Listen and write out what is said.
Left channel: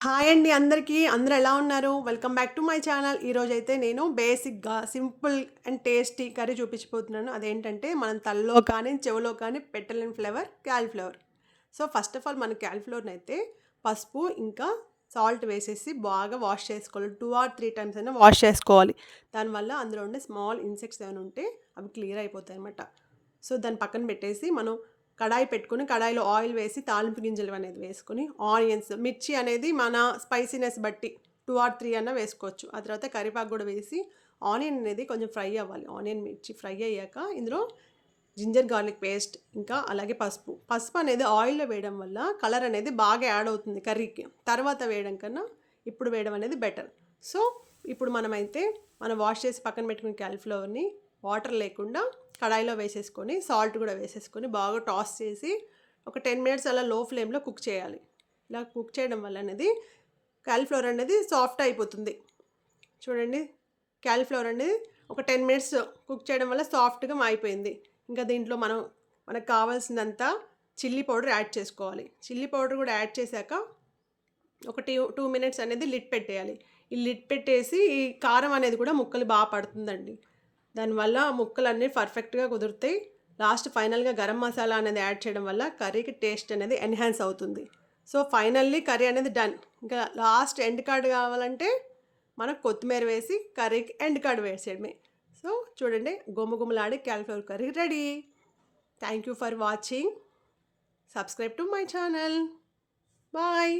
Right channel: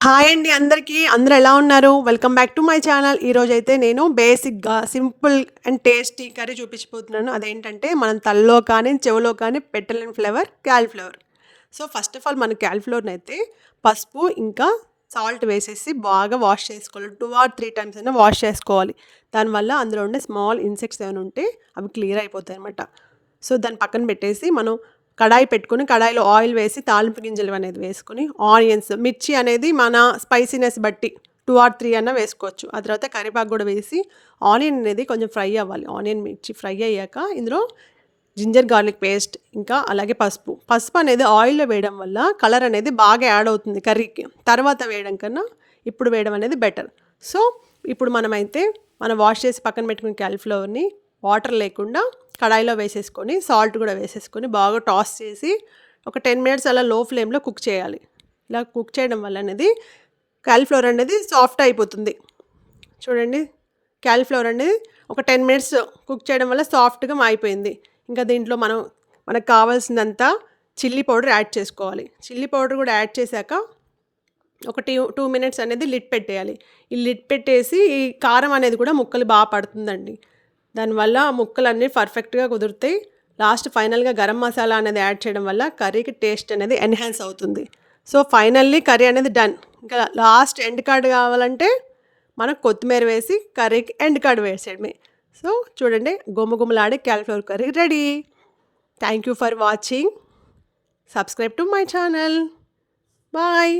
Hi అండి అందరికీ. అందరూ ఎలా ఉన్నారు? Welcome back to my channel. ఈరోజైతే నేను బేసిక్‌గా సింపుల్ అండ్ టేస్టీ కర్రీ చూపించబోతున్నాను. అదేంటంటే మనం తలలో కానీ, చెవిలో కానీ పెట్టలేని flavour cauliflower. So, first of all మన కాలీఫ్లవర్‌నైతే పసుపు ఇంకా సాల్ట్ వేసేసి బాగా వాష్ చేసుకోవాలి. 2 ఆర్ 3 టైమ్స్ అయినా వాష్ చేసుకోవాలి. దానివల్ల అందులో ఉండే స్మాల్ ఇన్సెక్ట్స్ ఏమైనా ఉంటే అవి క్లియర్ అయిపోతాయన్నమాట. సో, దాన్ని పక్కన పెట్టేసి మనం కడాయి పెట్టుకొని కడాయిలో ఆయిల్ వేసి తాలింపు గింజలు అనేది వేసుకొని ఆనియన్స్ మిర్చి అనేది మన స్పైసీనెస్ బట్టి 2 ఆర్ 3 అన్నా వేసుకోవచ్చు. ఆ తర్వాత కరివేపాకు కూడా వేసి ఆనియన్ అనేది కొంచెం ఫ్రై అవ్వాలి. ఆనియన్ మిర్చి ఫ్రై అయ్యాక ఇందులో జింజర్ గార్లిక్ పేస్ట్ ఇంకా అలాగే పసుపు అనేది ఆయిల్లో వేయడం వల్ల కలర్ అనేది బాగా యాడ్ అవుతుంది కర్రీకి. తర్వాత వేయడం కన్నా ఇప్పుడు వేయడం అనేది బెటర్. సో, ఇప్పుడు మనం వాష్ చేసి పక్కన పెట్టుకున్న కాలీఫ్లవర్ని వాటర్ లేకుండా కడాయిలో వేసేసుకొని సాల్ట్ కూడా వేసేసుకొని బాగా టాస్ చేసి ఒక 10 మినిట్స్ అలా లో ఫ్లేమ్లో కుక్ చేయాలి. ఇలా కుక్ చేయడం వల్ల అనేది కాలీఫ్లవర్ అనేది సాఫ్ట్ అయిపోతుంది. చూడండి, కాలీఫ్లవర్ అనేది ఒక 10 మినిట్స్ కుక్ చేయడం వల్ల సాఫ్ట్గా అయిపోయింది. ఇంకా దీంట్లో మనకు కావాల్సినంత చిల్లీ పౌడర్ యాడ్ చేసుకోవాలి. చిల్లీ పౌడర్ కూడా యాడ్ చేశాక ఒక 2 మినిట్స్ అనేది లిడ్ పెట్టేయాలి. ఈ లిడ్ పెట్టేసి ఈ కారం అనేది కూడా ముక్కలు బాగా పడుతుందండి. దానివల్ల ముక్కలన్నీ పర్ఫెక్ట్గా కుదురుతాయి. లాస్ట్ ఫైనల్గా గరం మసాలా అనేది యాడ్ చేయడం వల్ల కర్రీకి టేస్ట్ అనేది ఎన్హాన్స్ అవుతుంది. సో, ఫైనల్లీ కర్రీ అనేది డన్. ఇంకా లాస్ట్ ఎండ్ కార్డ్ కావాలంటే మనకు కొత్తిమీర వేసి కర్రీకి ఎండ్ కార్డ్ వేసేయడమే. సో, చూడండి, గుమగుమలాడే cauliflower curry ready. Thank you for watching. Subscribe to my channel. Bye.